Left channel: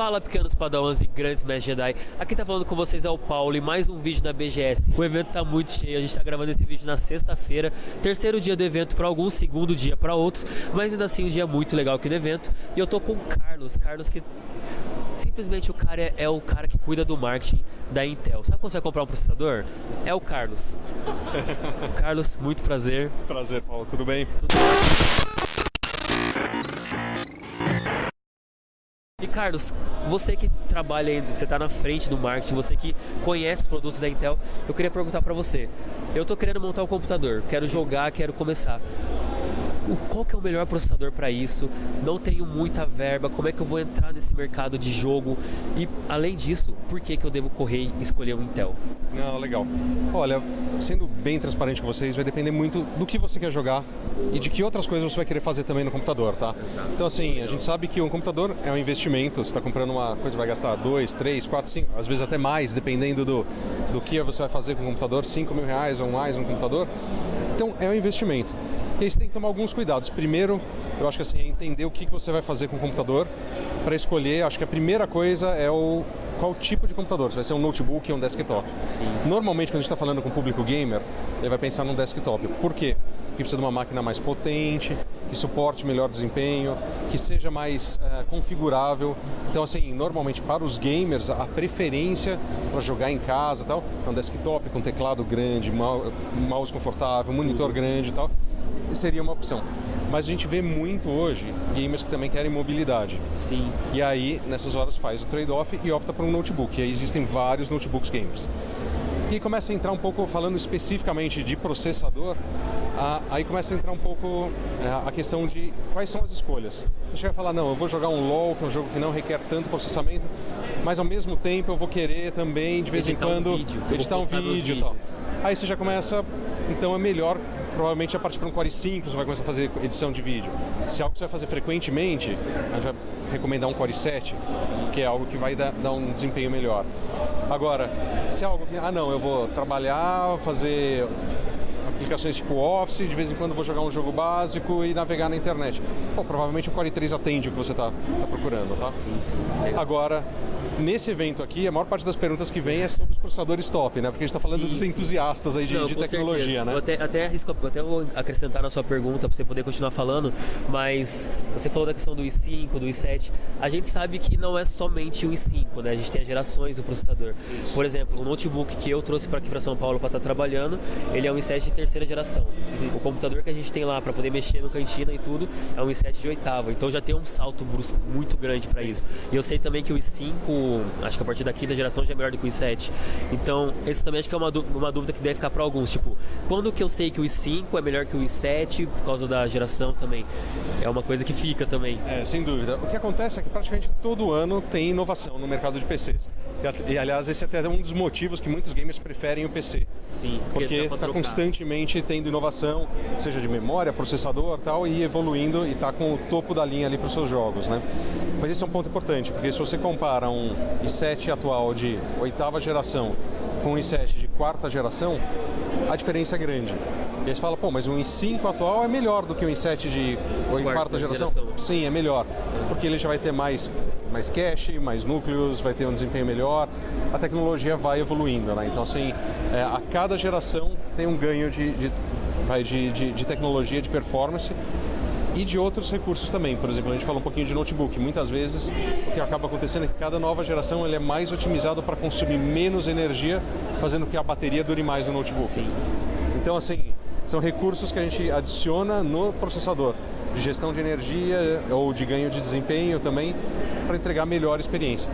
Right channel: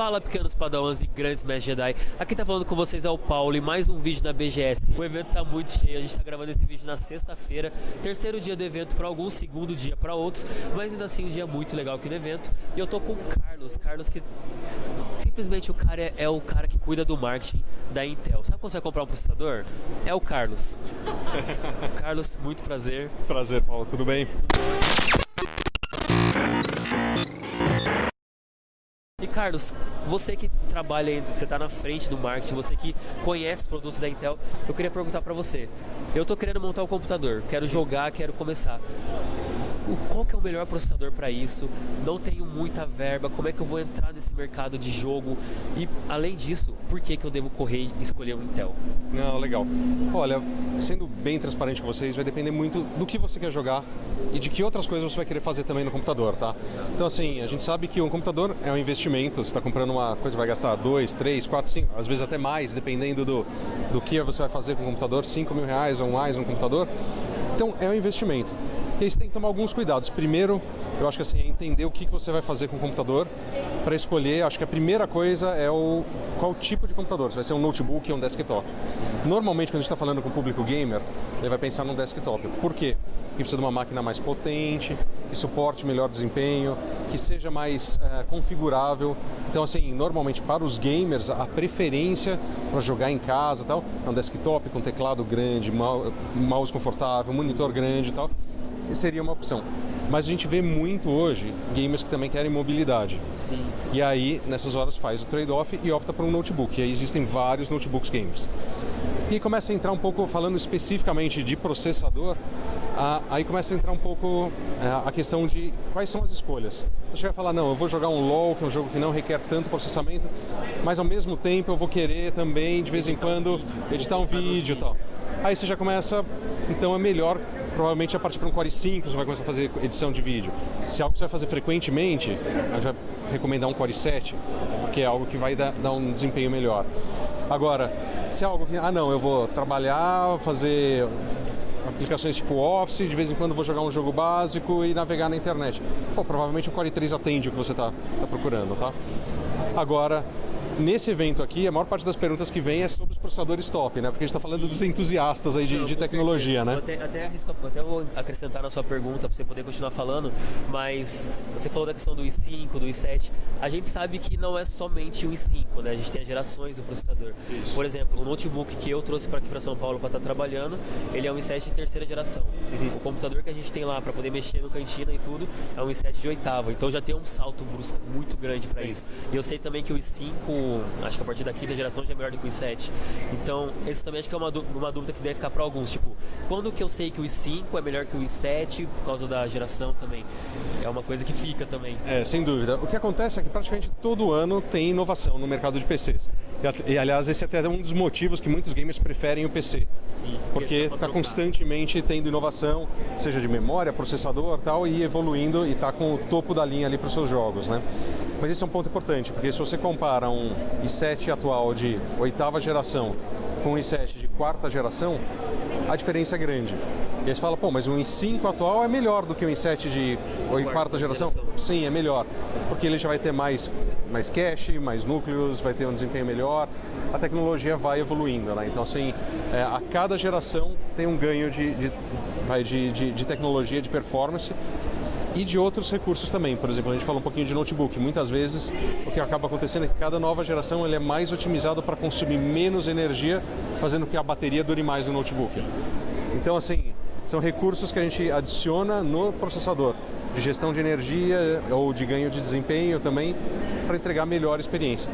Fala, pequenos padawans e grandes mestres Jedi. Aqui tá falando com vocês é o Paulo e mais um vídeo na BGS. O evento tá muito cheio, a gente tá gravando esse vídeo na sexta-feira, terceiro dia do evento para alguns, segundo dia para outros, mas ainda assim um dia muito legal aqui no evento. E eu tô com o Carlos que simplesmente o cara é o cara que cuida do marketing da Intel. Sabe quando você vai comprar um processador? É o Carlos. Carlos, muito prazer. Prazer, Paulo, tudo bem? Tudo ótimo. E Carlos, você que trabalha aí, você está na frente do marketing, você que conhece os produtos da Intel, eu queria perguntar para você. Eu estou querendo montar um computador, quero jogar, quero começar. Qual que é o melhor processador para isso? Não tenho muita verba, como é que eu vou entrar nesse mercado de jogo? E além disso, por que eu devo correr e escolher um Intel? Não, legal. Olha, sendo bem transparente com vocês, vai depender muito do que você quer jogar e de que outras coisas você vai querer fazer também no computador, tá? Então assim, a gente sabe que um computador é um investimento, você está comprando uma coisa vai gastar 2, 3, 4, 5, às vezes até mais, dependendo do que você vai fazer com o computador, R$5.000 ou mais um computador. Então é um investimento. E aí você tem que tomar alguns cuidados. Primeiro, eu acho que assim, é entender o que você vai fazer com o computador para escolher. Acho que a primeira coisa é qual tipo de computador. Se vai ser um notebook ou um desktop. Sim. Normalmente, quando a gente está falando com o público gamer, ele vai pensar num desktop. Por quê? Porque precisa de uma máquina mais potente, que suporte melhor desempenho, que seja mais configurável. Então, assim, normalmente para os gamers, a preferência para jogar em casa e tal, é um desktop com teclado grande, mouse confortável, monitor grande e tal. Seria uma opção. Mas a gente vê muito hoje gamers que também querem mobilidade. Sim. E aí, nessas horas, faz o trade-off e opta por um notebook. E aí existem vários notebooks gamers. E começa a entrar um pouco, falando especificamente de processador, aí começa a entrar um pouco a questão de quais são as escolhas. Você vai falar, não, eu vou jogar um LoL, que é um jogo que não requer tanto processamento, mas ao mesmo tempo eu vou querer também, de vez em quando, editar um vídeo e tal. Aí você já começa, então é melhor, provavelmente a partir para um Core i5 você vai começar a fazer edição de vídeo. Se é algo que você vai fazer frequentemente, a gente vai recomendar um Core i7, porque é algo que vai dar um desempenho melhor. Agora, se é algo que, não, eu vou trabalhar, fazer aplicações tipo Office, de vez em quando vou jogar um jogo básico e navegar na internet. Pô, provavelmente o Core i3 atende o que você está procurando, tá? Sim. Agora, nesse evento aqui, a maior parte das perguntas que vem é sobre os processadores top, né? Porque a gente está falando dos entusiastas aí de tecnologia, né? Até vou acrescentar na sua pergunta para você poder continuar falando, mas você falou da questão do i5, do i7. A gente sabe que não é somente o i5, né? A gente tem as gerações do processador. Isso. Por exemplo, o notebook que eu trouxe para aqui para São Paulo para estar trabalhando, ele é um i7 de terceira geração. Uhum. O computador que a gente tem lá para poder mexer no cantina e tudo é um i7 de oitava. Então já tem um salto brusco muito grande para isso. E eu sei também que o i5 acho que a partir da quinta geração já é melhor do que o i7. Então, esse também acho que é uma dúvida que deve ficar para alguns. Tipo, quando que eu sei que o i5 é melhor que o i7 por causa da geração também? É uma coisa que fica também. É, sem dúvida. O que acontece é que praticamente todo ano tem inovação no mercado de PCs. E aliás, esse é até um dos motivos que muitos gamers preferem o PC. Sim. Porque está constantemente tendo inovação, seja de memória, processador tal, e evoluindo e está com o topo da linha ali para os seus jogos, né? Mas esse é um ponto importante, porque se você compara um i7 atual de oitava geração com um i7 de quarta geração, a diferença é grande. E aí você fala, pô, mas um i5 atual é melhor do que um i7 de quarta geração? Sim, é melhor, porque ele já vai ter mais cache, mais núcleos, vai ter um desempenho melhor, a tecnologia vai evoluindo, né? Então, assim, a cada geração tem um ganho de tecnologia, de performance, e de outros recursos também. Por exemplo, a gente fala um pouquinho de notebook. Muitas vezes o que acaba acontecendo é que cada nova geração ele é mais otimizado para consumir menos energia, fazendo com que a bateria dure mais no notebook. Sim. Então, assim, são recursos que a gente adiciona no processador, de gestão de energia ou de ganho de desempenho também, para entregar melhor experiência.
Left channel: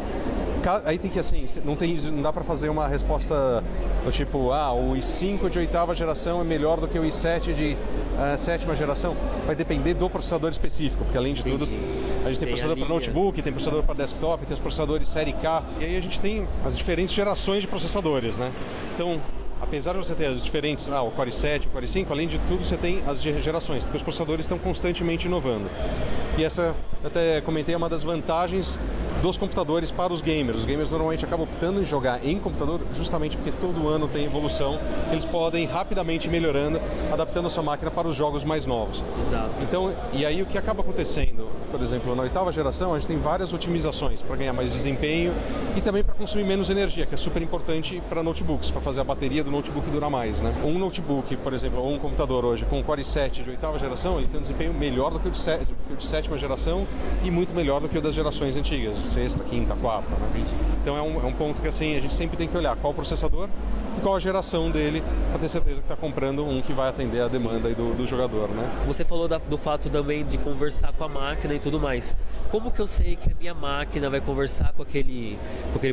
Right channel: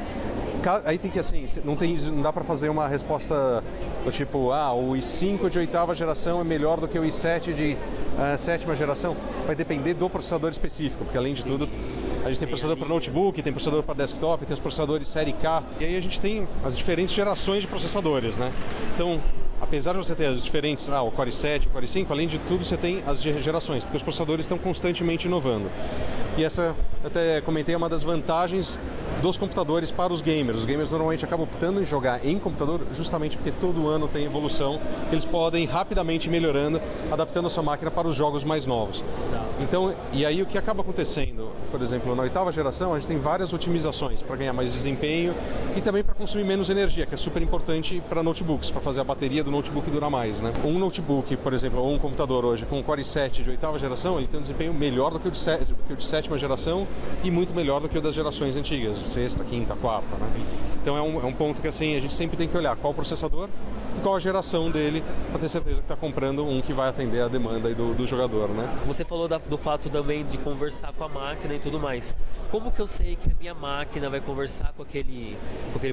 Aí tem que, assim, não dá para fazer uma resposta do tipo, o i5 de oitava geração é melhor do que o i7 de sétima geração. Vai depender do processador específico, porque além de tudo, a gente tem processador para notebook, tem processador para desktop, tem os processadores série K, e aí a gente tem as diferentes gerações de processadores, né? Então, apesar de você ter as diferentes, o Core i7, o Core i5, além de tudo você tem as gerações, porque os processadores estão constantemente inovando. E essa, eu até comentei, é uma das vantagens dos computadores para os gamers. Os gamers normalmente acabam optando em jogar em computador justamente porque todo ano tem evolução. Eles podem rapidamente ir melhorando, adaptando a sua máquina para os jogos mais novos. Exato. Então, e aí o que acaba acontecendo, por exemplo, na 8ª geração, a gente tem várias otimizações para ganhar mais desempenho e também para consumir menos energia, que é super importante para notebooks, para fazer a bateria do notebook durar mais, né? Um notebook, por exemplo, ou um computador hoje com Core i7 de 8ª geração, ele tem um desempenho melhor do que o de 7ª geração e muito melhor do que o das gerações antigas, 6ª, 5ª, 4ª, né? Então é um ponto que assim, a gente sempre tem que olhar qual o processador e qual a geração dele, para ter certeza que está comprando um que vai atender a demanda aí do jogador, né? Você falou do fato também de conversar com a máquina e tudo mais. Como que eu sei que a minha máquina vai conversar com aquele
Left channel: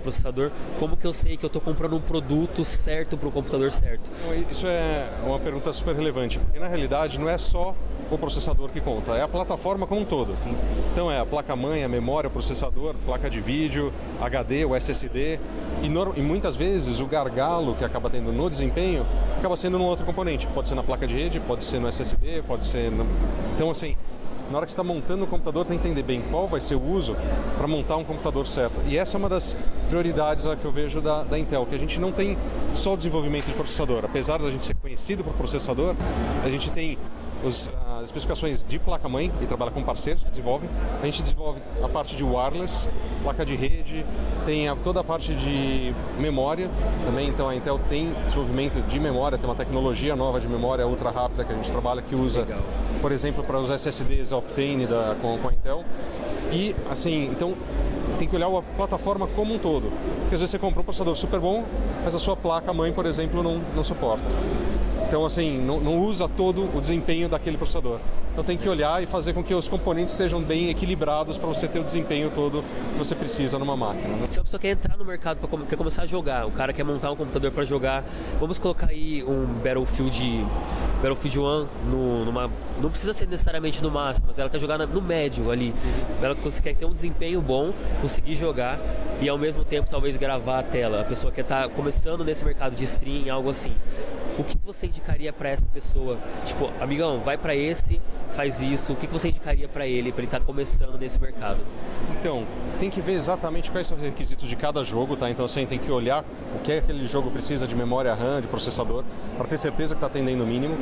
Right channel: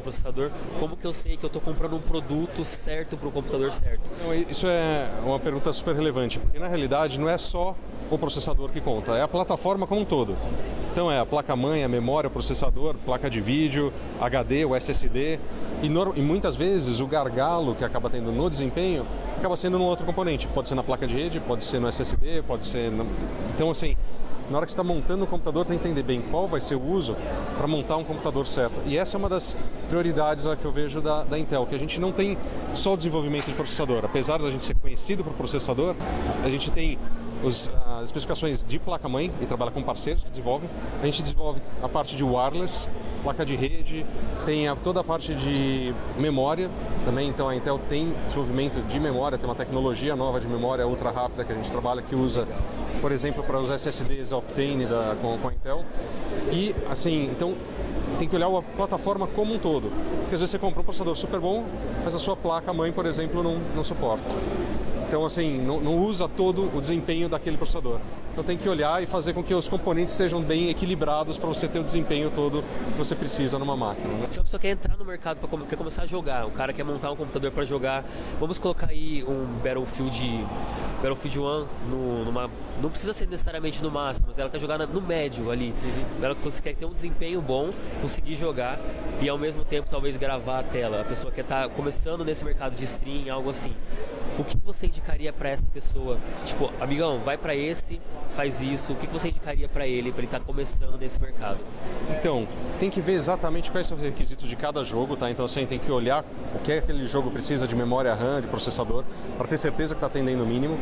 processador? Como que eu sei que eu estou comprando um produto certo para o computador certo? Isso é uma pergunta super relevante, porque na realidade não é só o processador que conta, é a plataforma como um todo. Então é a placa-mãe, a memória, o processador, placa de vídeo, HD, o SSD e muitas vezes o gargalo que acaba tendo no desempenho acaba sendo num outro componente. Pode ser na placa de rede, pode ser no SSD, pode ser... Então assim, na hora que você está montando o computador, tem que entender bem qual vai ser o uso para montar um computador certo. E essa é uma das prioridades que eu vejo da Intel, que a gente não tem só o desenvolvimento de processador. Apesar da gente ser conhecido por processador, a gente tem as especificações de placa-mãe e trabalha com parceiros que desenvolvem. A gente desenvolve a parte de wireless, placa de rede, tem toda a parte de memória também. Então a Intel tem desenvolvimento de memória, tem uma tecnologia nova de memória ultra rápida que a gente trabalha, que usa, por exemplo, para os SSDs Optane com a Intel. E assim, então tem que olhar a plataforma como um todo. Porque às vezes você compra um processador super bom, mas a sua placa-mãe, por exemplo, não suporta. Então, assim, não usa todo o desempenho daquele processador. Então tem que olhar e fazer com que os componentes estejam bem equilibrados para você ter o desempenho todo que você precisa numa máquina, né? Se a pessoa quer entrar no mercado, quer começar a jogar, o cara quer montar um computador para jogar, vamos colocar aí um Battlefield 1 não precisa ser necessariamente no máximo, mas ela quer jogar no médio ali. Ela quer ter um desempenho bom, conseguir jogar e ao mesmo tempo talvez gravar a tela. A pessoa quer estar começando nesse mercado de stream, algo assim. O que você indicaria para essa pessoa? Tipo, amigão, vai para esse, faz isso. O que você indicaria para ele estar começando nesse mercado? Então, tem que ver exatamente quais são os requisitos de cada jogo, tá? Então, assim, tem que olhar o que aquele jogo precisa de memória RAM, de processador, para ter certeza que está atendendo o mínimo.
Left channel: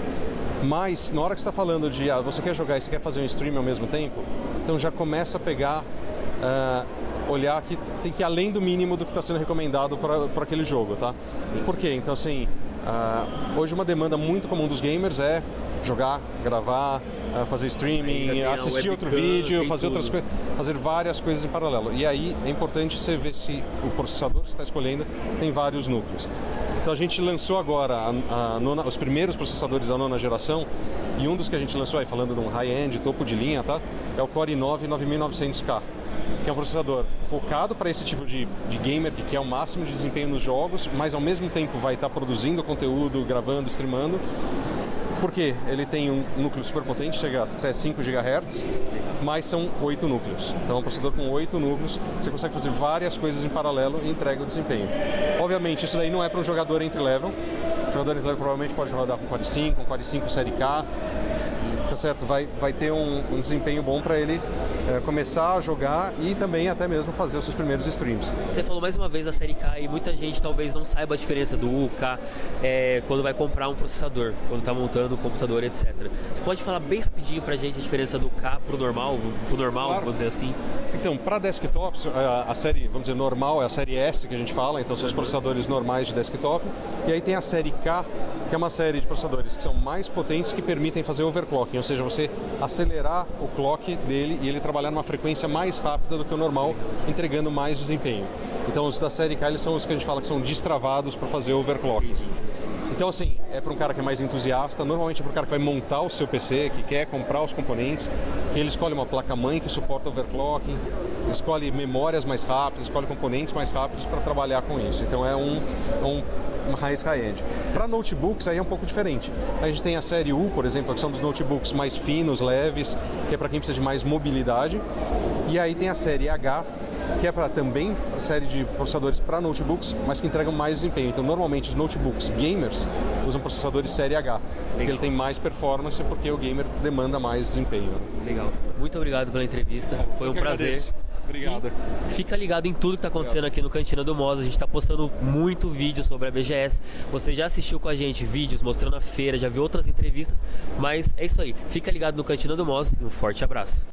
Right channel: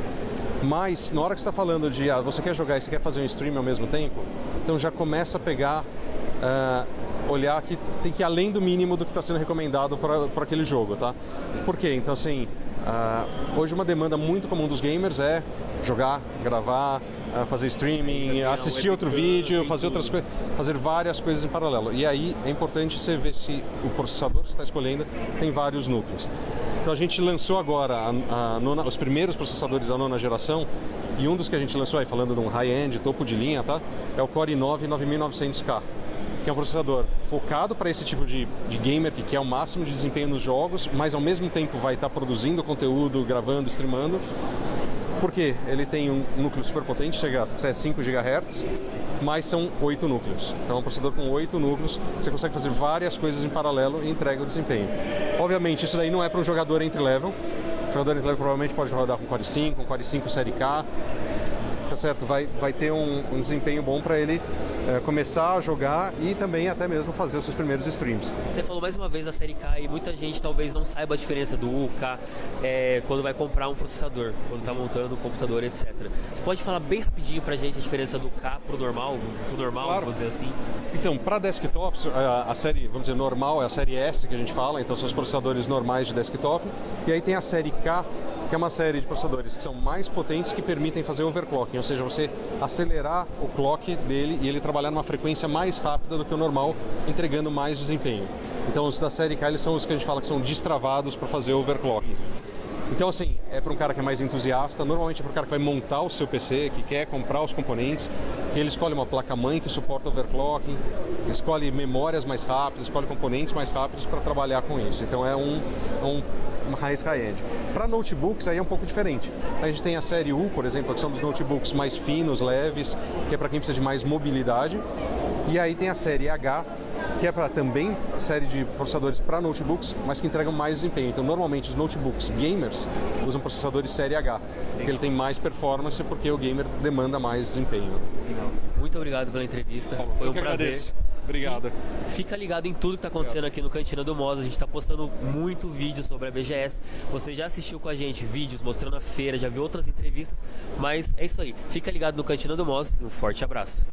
Mas, na hora que você está falando de, você quer jogar e você quer fazer um stream ao mesmo tempo, então já começa a pegar, olhar que tem que ir além do mínimo do que está sendo recomendado para aquele jogo, tá? Por quê? Então, assim... hoje uma demanda muito comum dos gamers é jogar, gravar, fazer streaming, assistir outro vídeo, fazer outras coisas, fazer várias coisas em paralelo. E aí é importante você ver se o processador que você está escolhendo tem vários núcleos. Então a gente lançou agora os primeiros processadores da 9ª geração e um dos que a gente lançou aí, falando de um high-end, topo de linha, tá? É o Core i9 9900K. Que é um processador focado para esse tipo de gamer que quer o máximo de desempenho nos jogos, mas ao mesmo tempo vai estar produzindo conteúdo, gravando, streamando. Porque ele tem um núcleo super potente, chega até 5 GHz, mas são 8 núcleos. Então é um processador com 8 núcleos, você consegue fazer várias coisas em paralelo e entrega o desempenho. Obviamente isso daí não é para um jogador entry-level. O jogador entry-level provavelmente pode rodar com Core i5, com Core i5 série K. Tá certo? Vai ter um desempenho bom para ele começar a jogar e também até mesmo fazer os seus primeiros streams. Você falou mais uma vez da série K e muita gente talvez não saiba a diferença do U, K, quando vai comprar um processador, quando está montando um computador, etc. Você pode falar bem rapidinho pra gente a diferença do K pro normal, Claro. vamos dizer assim? Então, para desktops, a série, vamos dizer, normal é a série S que a gente fala, então são os processadores normais de desktop. E aí tem a série K, que é uma série de processadores que são mais potentes, que permitem fazer overclocking, ou seja, você acelerar o clock dele e ele trabalhar numa frequência mais rápida do que o normal, entregando mais desempenho. Então os da série K eles são os que a gente fala que são destravados para fazer overclocking. Então assim, é para um cara que é mais entusiasta, normalmente é para um cara que vai montar o seu PC, que quer comprar os componentes, que ele escolhe uma placa-mãe que suporta overclocking, escolhe memórias mais rápidas, escolhe componentes mais rápidos para trabalhar com isso. Então é uma raiz high-end. Para notebooks aí é um pouco diferente. A gente tem a série U, por exemplo, que são dos notebooks mais finos, leves, que é para quem precisa de mais mobilidade. E aí tem a série H, que é para também a série de processadores para notebooks, mas que entregam mais desempenho. Então, normalmente os notebooks gamers usam processadores série H, porque ele tem mais performance, porque o gamer demanda mais desempenho. Legal. Muito obrigado pela entrevista. Foi um prazer. Agradeço. Obrigado. E fica ligado em tudo que está acontecendo aqui no Cantina do Moz. A gente está postando muito vídeo sobre a BGS. Você já assistiu com a gente vídeos mostrando a feira, já viu outras entrevistas, mas é isso aí. Fica ligado no Cantina do Moz e um forte abraço.